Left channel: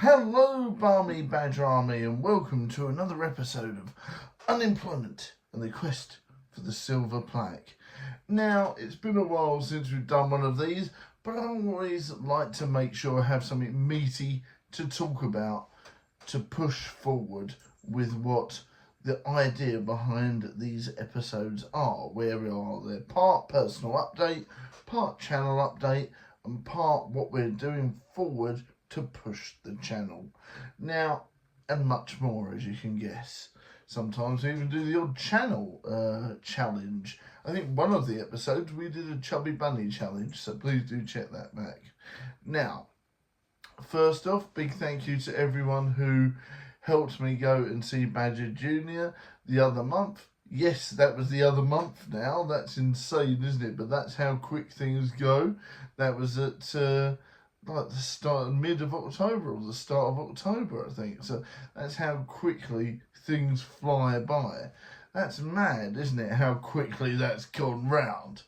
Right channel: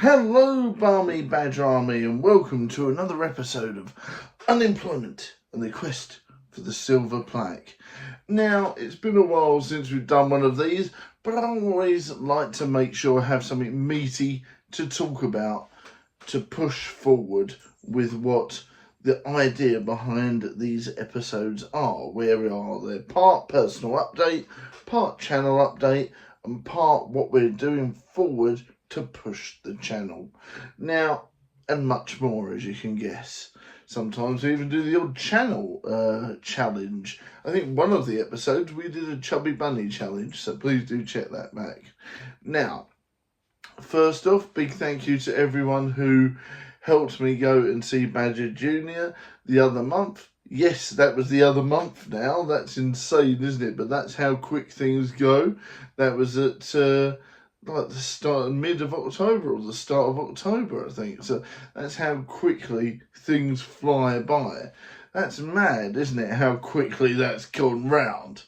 Hello, Balmy Badger Army, and welcome to another episode of Unemployment and the Quest for the Silver Plaque. Now, it's been a while since we've done one of these, but I always like to make sure I have something meaty to talk about to push forward with what the idea behind these episodes are. Where we are, they're part personal update, part channel update, and part what we're doing forward to push the channel. Now, and much more, as you can guess. Sometimes we even do the odd channel challenge. I think one of the episodes we did a Chubby Bunny challenge, so please do check that back. Now, first off, big thank you to everyone who helped me go and see Badger Jr. the other month. Yes, that was the other month now. That's insane, isn't it? But that's how quick things go. That was at like the start, mid of October or the start of October, I think. So that's how quickly things fly by. That's mad, isn't it? How quickly that's gone round.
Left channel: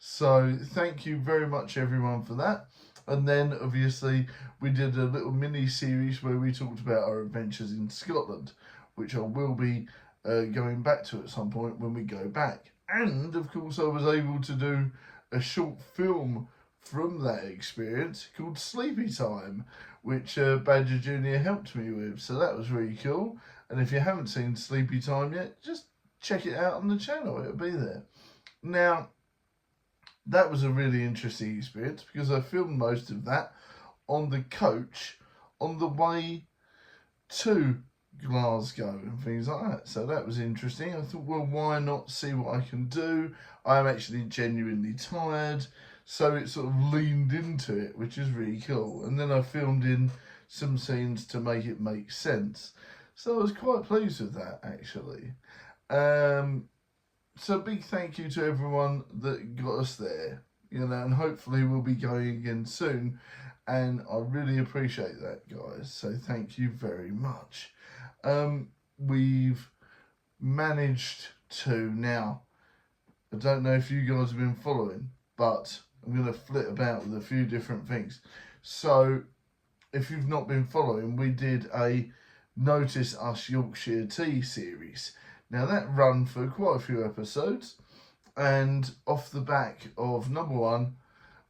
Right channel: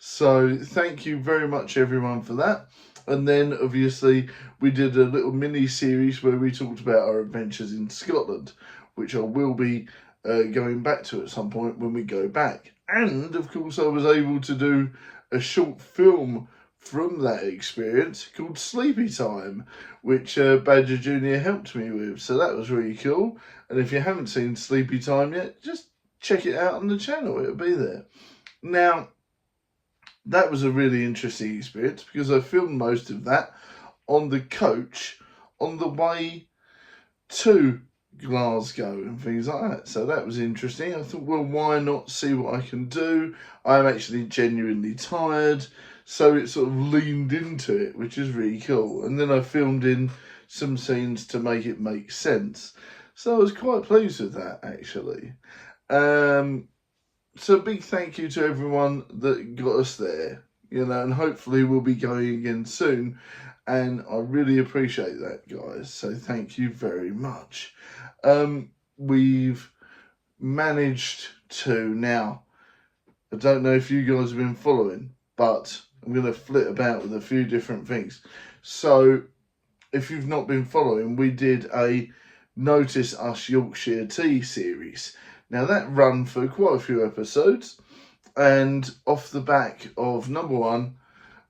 So thank you very much, everyone, for that. And then, obviously, we did a little mini-series where we talked about our adventures in Scotland, which I will be going back to at some point when we go back. And, of course, I was able to do a short film from that experience called Sleepy Time, which Badger Jr. helped me with. So that was really cool. And if you haven't seen Sleepy Time yet, just check it out on the channel. It'll be there. Now, that was a really interesting experience because I filmed most of that on the coach on the way to Glasgow and things like that. So that was interesting. I thought, well, why not see what I can do? I'm actually genuinely tired. So it sort of leaned into it, which is really cool. And then I filmed in some scenes to make it make sense. So I was quite pleased with that, actually. So big thank you to everyone that got us there, and hopefully we'll be going again soon. And I really appreciate that, guys. So thank you very much. We've managed to now, I don't know if you guys have been following, but I'm going to flit about with a few different things. So if you've not been following, we did a Notice Us Yorkshire Tea series. Now that ran for quite a few episodes, and off the back of number one,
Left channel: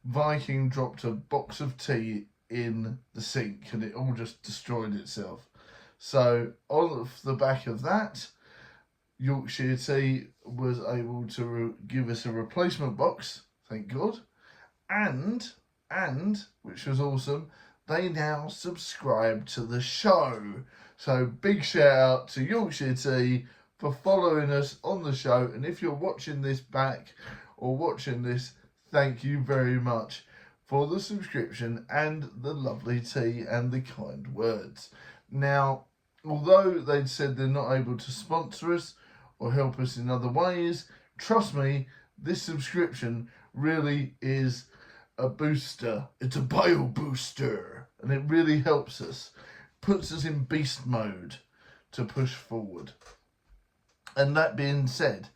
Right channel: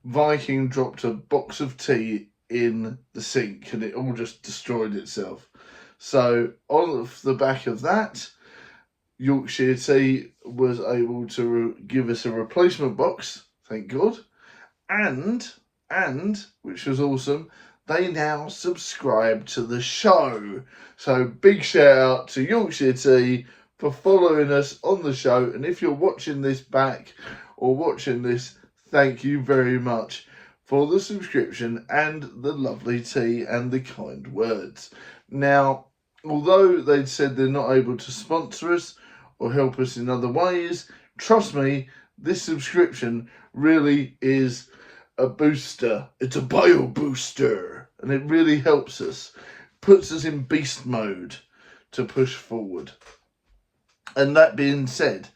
Viking dropped a box of tea in the sink and it all just destroyed itself. So off the back of that, Yorkshire Tea was able to give us a replacement box, thank God, and which was awesome, they now subscribe to the show. So big shout out to Yorkshire Tea for following us on the show. And if you're watching this back or watching this, thank you very much for the subscription and the lovely tea and the kind words. Now, although they'd said they're not able to sponsor us or help us in other ways, trust me, this subscription really is a booster. It's a bio booster, and it really helps us, puts us in beast mode to push forward. And that being said,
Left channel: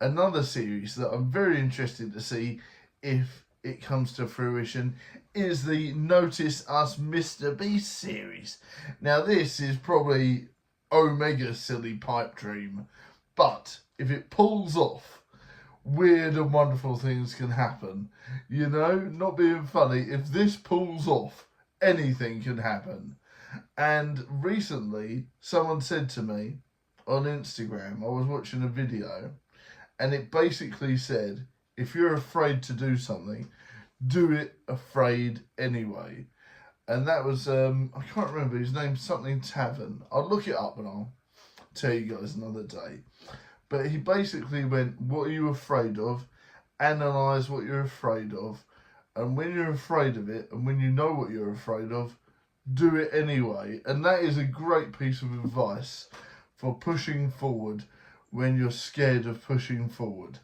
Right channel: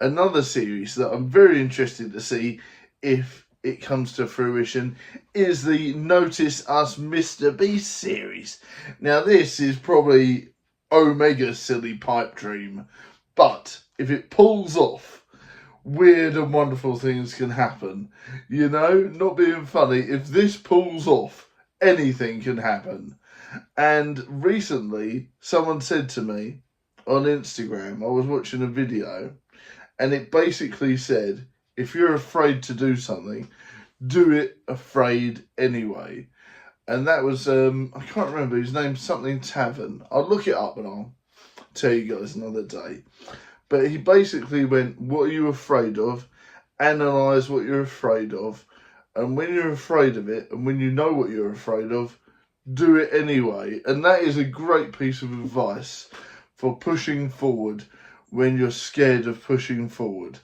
another series that I'm very interested to see if it comes to fruition is the Notice Us Mr. Beast series. Now this is probably Omega silly pipe dream, but if it pulls off, weird and wonderful things can happen. Not being funny, if this pulls off, anything can happen. And recently, someone said to me on Instagram, I was watching a video, and it basically said, if you're afraid to do something, do it afraid anyway. And that was, I can't remember his name, something Tavern. I'll look it up and I'll tell you guys another day. But he basically went, what are you afraid of? Analyse what you're afraid of. And when you're afraid of it, and when you know what you're afraid of, do it anyway. And that is a great piece of advice for pushing forward when you're scared of pushing forward.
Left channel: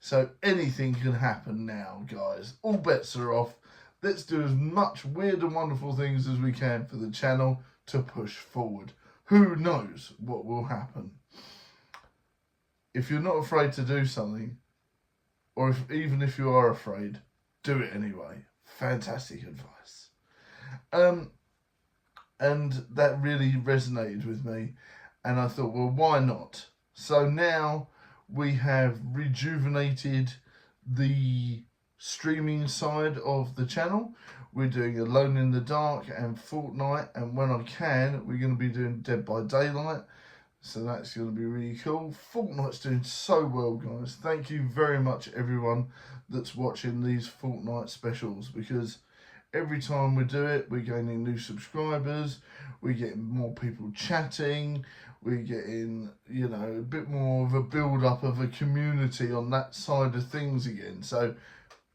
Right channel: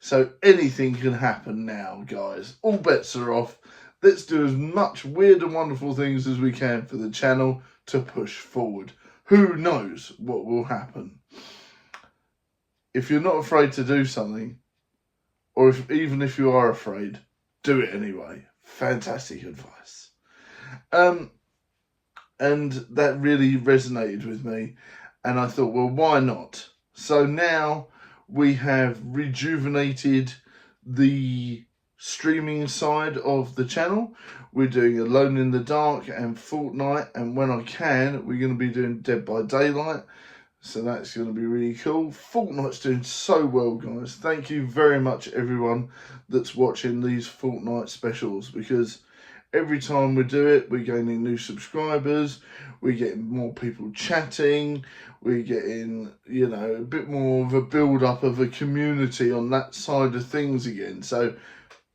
So anything can happen now, guys. All bets are off. Let's do as much weird and wonderful things as we can for the channel to push forward. Who knows what will happen? If you're not afraid to do something, or even if you are afraid, do it anyway. Fantastic advice. And that really resonated with me. And I thought, well, why not? So now we have rejuvenated the streaming side of the channel. We're doing Alone in the Dark and Fortnite, and when I can, we're going to be doing Dead by Daylight. So that's going to be really cool. Fortnite's doing so well, guys. Thank you very much, everyone that's watching these Fortnite specials, because every time we do it, we're gaining new subscribers, we're getting more people chatting, we're getting, you know, a bit more of a build-up of a community on that side of things again. So,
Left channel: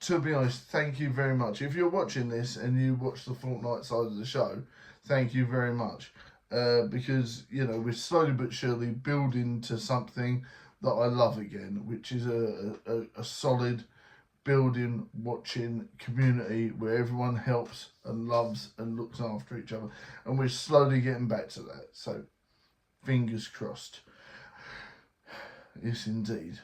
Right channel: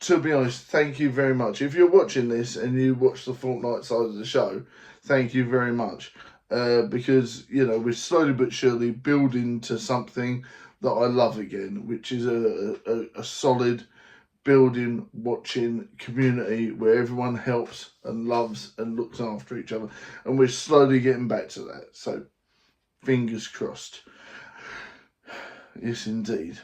to be honest, thank you very much. If you're watching this and you watch the Fortnite side of the show, thank you very much. Because, you know, we're slowly but surely building to something that I love again, which is a solid building, watching community where everyone helps and loves and looks after each other. And we're slowly getting back to that. So, fingers crossed. Yes, indeed.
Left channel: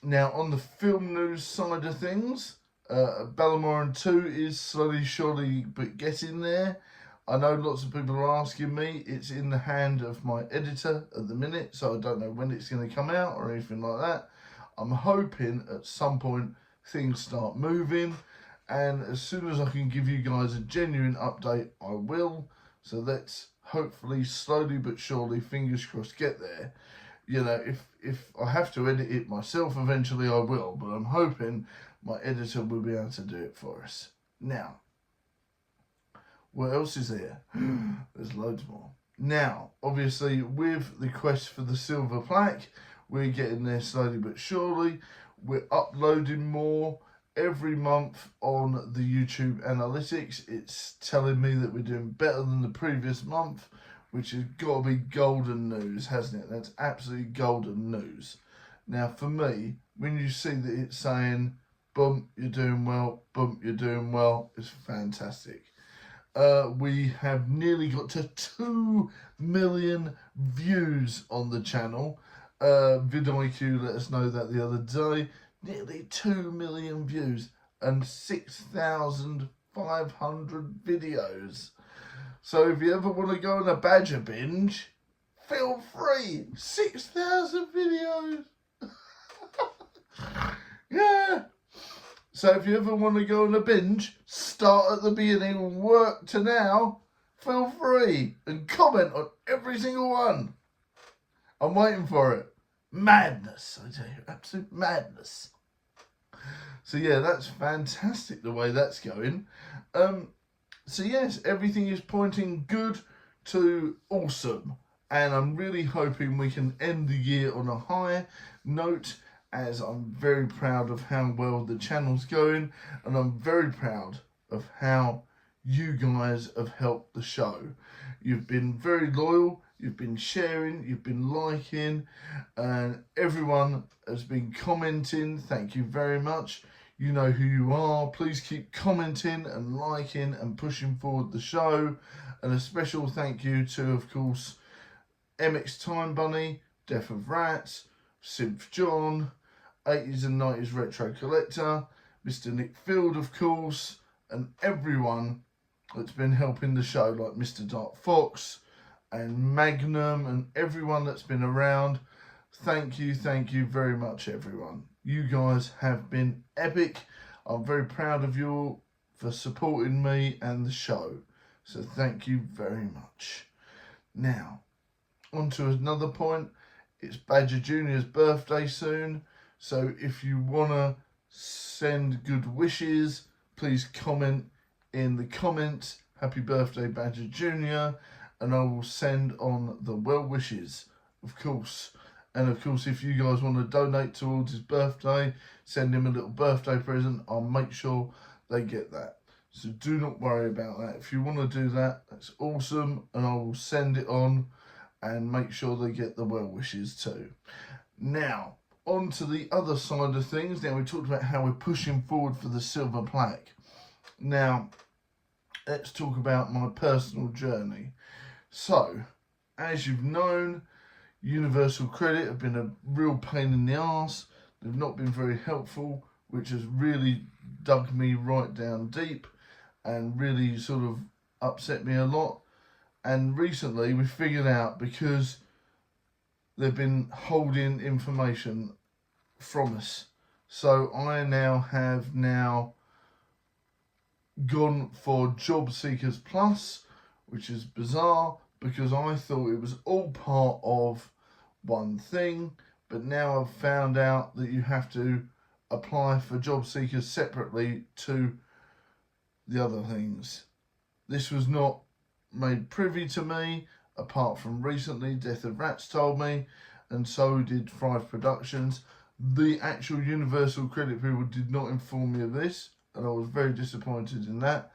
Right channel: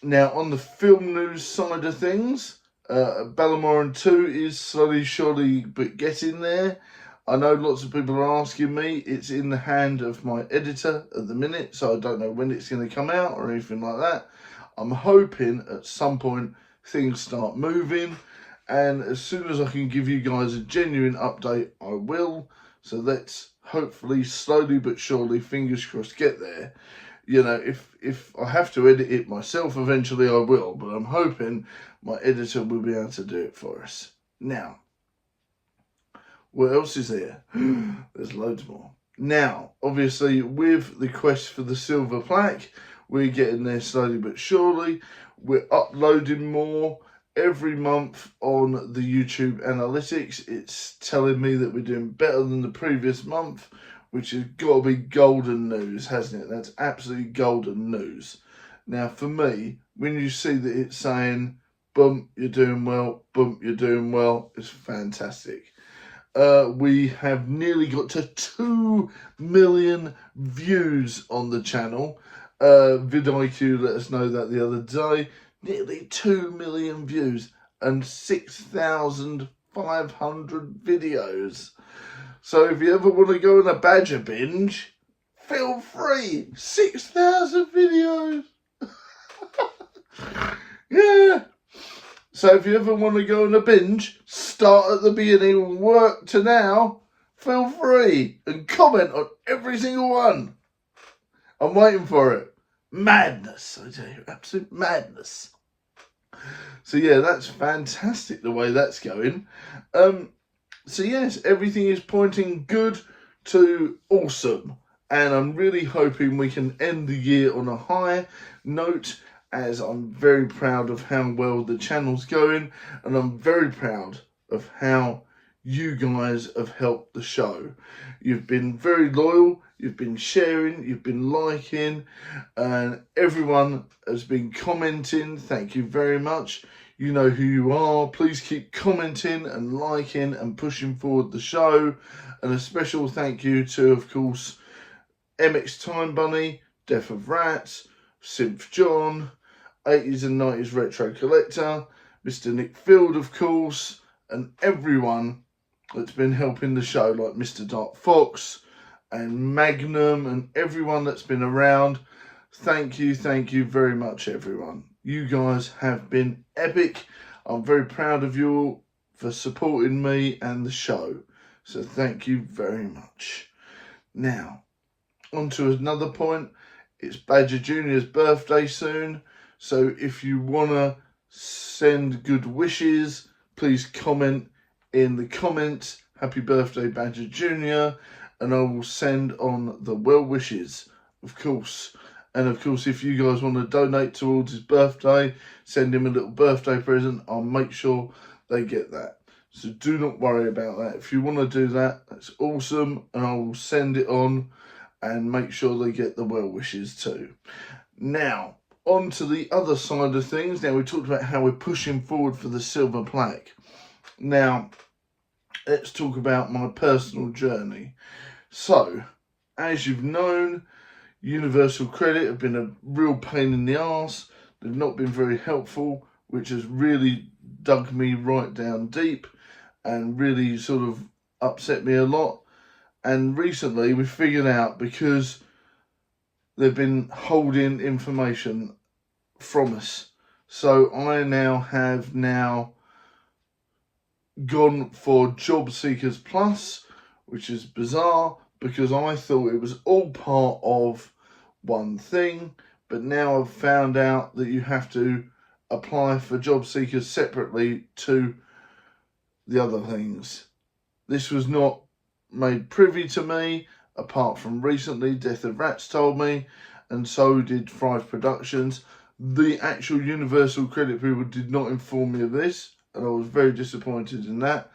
Now, on the film news side of things, Battleborn 2 is slowly, surely, but getting there. I know lots of people are asking me. It's in the hand of my editor at the minute, so I don't know when it's going to come out or anything like that. I'm hoping at some point things start moving, and as soon as I can give you guys a genuine update, I will. So let's hopefully, slowly but surely, fingers crossed, get there. You know, if I have to edit it myself eventually, I will, but I'm hoping my editor will be able to do it for us. Now, what else is there? There's loads more. Now, obviously, with the quest for the Silver Plaque, we're getting there slowly but surely. We're uploading more every month on the YouTube analytics. It's telling me that we're doing better than the previous month, which has got to be golden news, hasn't it? That's absolutely golden news. Now, for me, when you see that it's saying, boom, you're doing well, boom, you're doing well, it's fantastic. We have nearly got to 2 million views on the channel. vidIQ let us know that the other day. Nearly 2 million views and 6,500 videos. So if you ever want to go on a Badger binge, feel free. 6,000 videos. Yeah. So if you ever want to go on a binge, start at the beginning and work to now, feel free and comment on every single one. I'm waiting for it. Madness, I tell you, absolute madness. So yeah, that's fantastic the way that's going. So yes, everything is pointing good to awesome. And I'm really hoping we can end the year on a high note, as I'm very proud of how well the channel's going, and I'm very proud of how you guys have helped the show. You've been very loyal, you've been sharing, you've been liking, and everyone has been commenting. Thank you very much. You know who you are. Please keep commenting and liking and pushing forward the show. And a special thank you to, of course, MX Time Bunny, Death of Rats, Synth John, 80s and 90s Retro Collector, Mr. Nick Field, of course, and everyone that's been helping the show, like Mr. Dark Fox and Magnum and everyone that's been around. Thank you very much, everyone. You guys have been epic. I'm very proud of you all for supporting me and the show. So thank you very much. Now, on to another point. It's Badger Jr.'s birthday soon. So if you want to send good wishes, please comment in the comments, happy birthday Badger Jr. And I will send on the well wishes, of course. And of course, if you guys want to donate towards his birthday, send him a little birthday present, I'll make sure they get that. So do not worry about that. If you want to do that, that's awesome. And I will send it on and make sure they get the well wishes too. Now, on to the other side of things. Now, we talked about how we're pushing forward for the Silver Plaque. Now, let's talk about my personal journey. So, as you've known, Universal Credit have been a real pain in the arse. They've not been very helpful, which has really dug me right down deep and really sort of upset me a lot. And recently we figured out, because they've been holding information from us. So I have gone for Job Seekers Plus, which is bizarre because I thought it was all part of one thing, but now I've found out that you have to apply for job seekers separately to the other things. This was not made privy to me, apart from recently Death of Rats told me, and so did Thrive Productions. The actual Universal Credit people did not inform me of this, and I was very disappointed in that,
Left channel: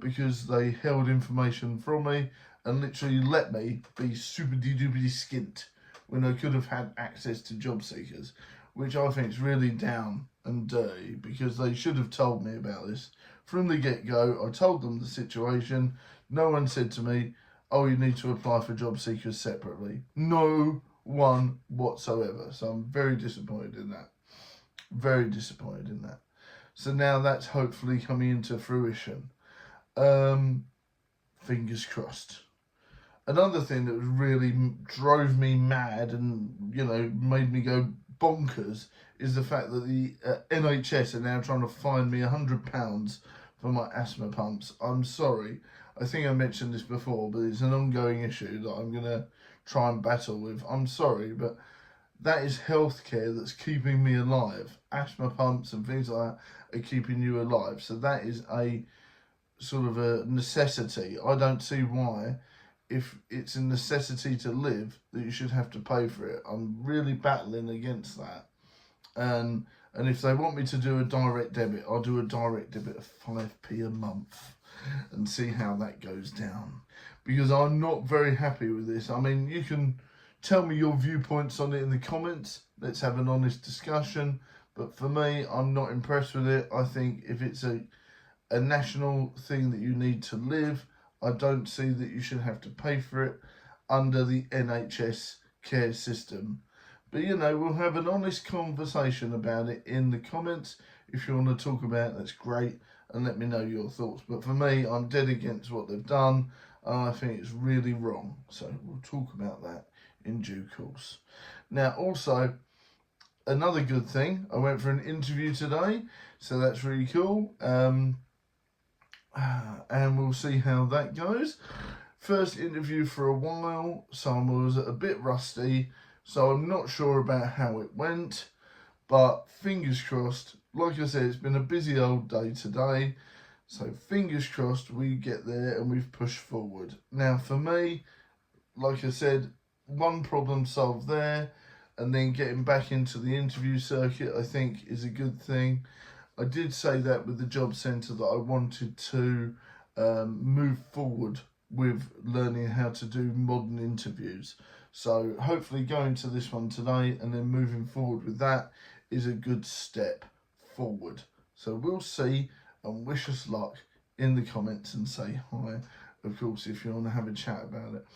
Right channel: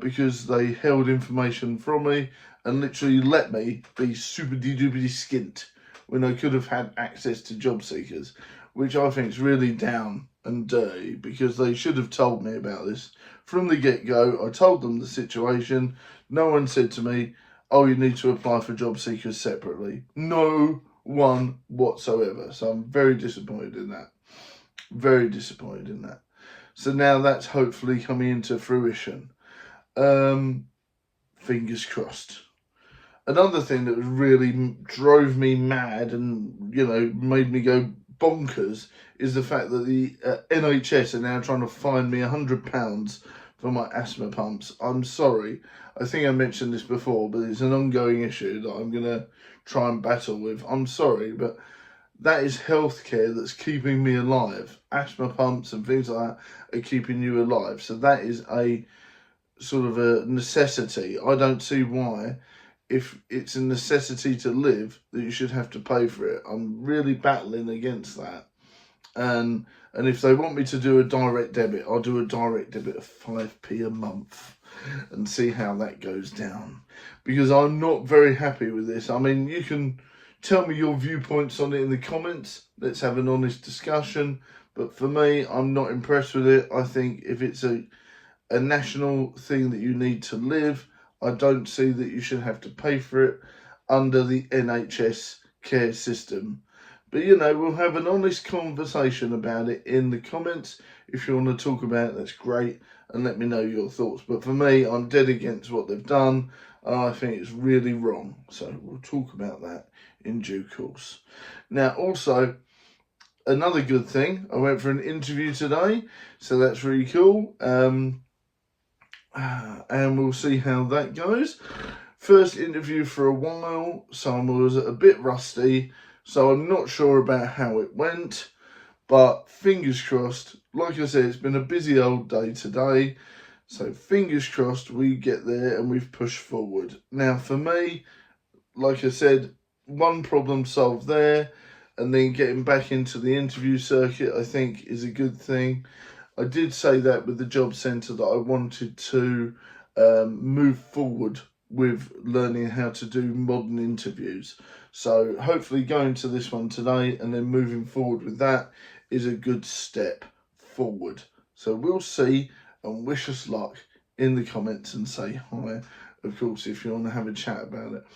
because they held information from me and literally let me be super duper skint when I could have had access to job seekers, which I think is really down and dirty, because they should have told me about this from the get-go. I told them the situation. No one said to me, oh, you need to apply for job seekers separately. No one whatsoever. So I'm very disappointed in that. Very disappointed in that. So now that's hopefully coming into fruition. Fingers crossed. Another thing that really drove me mad and, you know, made me go bonkers is the fact that the NHS are now trying to fine me £100 for my asthma pumps. I'm sorry. I think I mentioned this before, but it's an ongoing issue that I'm going to try and battle with. I'm sorry, but that is healthcare that's keeping me alive. Asthma pumps and things like that are keeping you alive. So that is a sort of a necessity. I don't see why, if it's a necessity to live, that you should have to pay for it. I'm really battling against that. And if they want me to do a direct debit, I'll do a direct debit of 5p a month and see how that goes down. Because I'm not very happy with this. I mean, you can tell me your viewpoints on it in the comments. Let's have an honest discussion. But for me, I'm not impressed with it. I think if it's a national thing that you need to live, I don't see that you should have to pay for it under the NHS care system. But, you know, we'll have an honest conversation about it in the comments. If you want to talk about it, that's great. And let me know your thoughts. But for me, I'm dead against what they've done. And I think it's really wrong. So we'll talk about that in due course. Now, also, another good thing, I went for an interview today. So that's really cool. And we'll see how that goes. First interview for a while, so I was a bit rusty, so I'm not sure about how it went, but fingers crossed. Like I said, it's been a busy old day today, so fingers crossed we get there and we've pushed forward. Now for me, like I said, one problem solved there, and then getting back into the interview circuit I think is a good thing. I did say that with the job centre that I wanted to move forward with learning how to do modern interviews. So hopefully going to this one today and then moving forward with that is a good step forward. So we'll see, and wish us luck in the comments and say hi, of course, if you want to have a chat about it.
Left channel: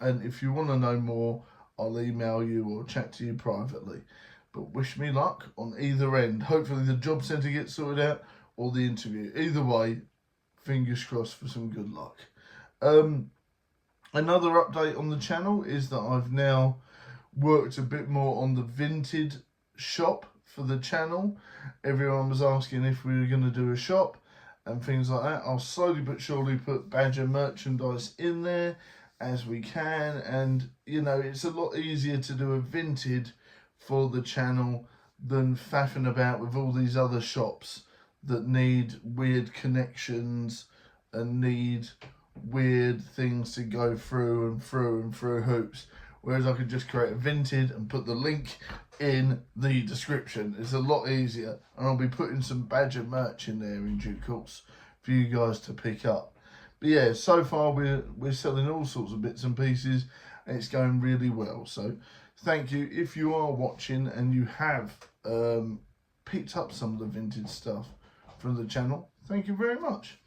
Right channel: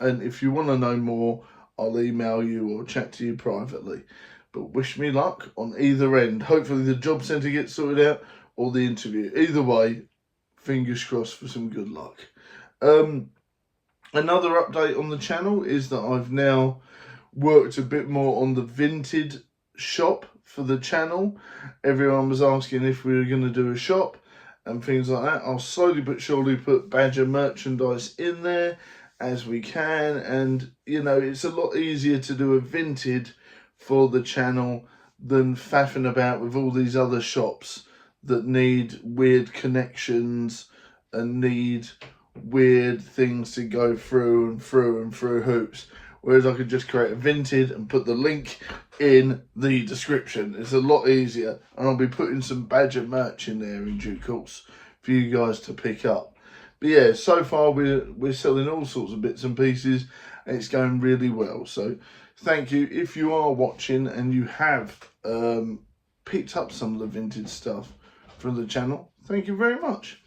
And if you want to know more, I'll email you or chat to you privately. But wish me luck on either end. Hopefully the job centre gets sorted out or the interview. Either way, fingers crossed for some good luck. Another update on the channel is that I've now worked a bit more on the Vinted shop for the channel. Everyone was asking if we were going to do a shop and things like that. I'll slowly but surely put Badger merchandise in there as we can. And, you know, it's a lot easier to do a Vinted for the channel than faffing about with all these other shops that need weird connections and need weird things to go through and through hoops. Whereas I could just create a Vinted and put the link in the description. It's a lot easier, and I'll be putting some Badger merch in there in due course for you guys to pick up. But yeah, so far we're selling all sorts of bits and pieces, and it's going really well. So thank you if you are watching and you have picked up some of the vintage stuff from the channel. Thank you very much.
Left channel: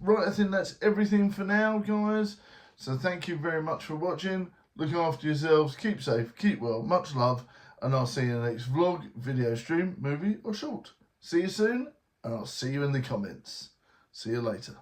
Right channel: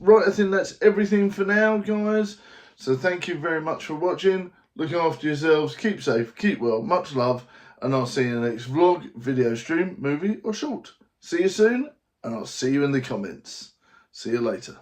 Right, I think that's everything for now, guys. So thank you very much for watching. Look after yourselves, keep safe, keep well, much love, and I'll see you in the next vlog, video, stream, movie or short. See you soon, and I'll see you in the comments. See you later.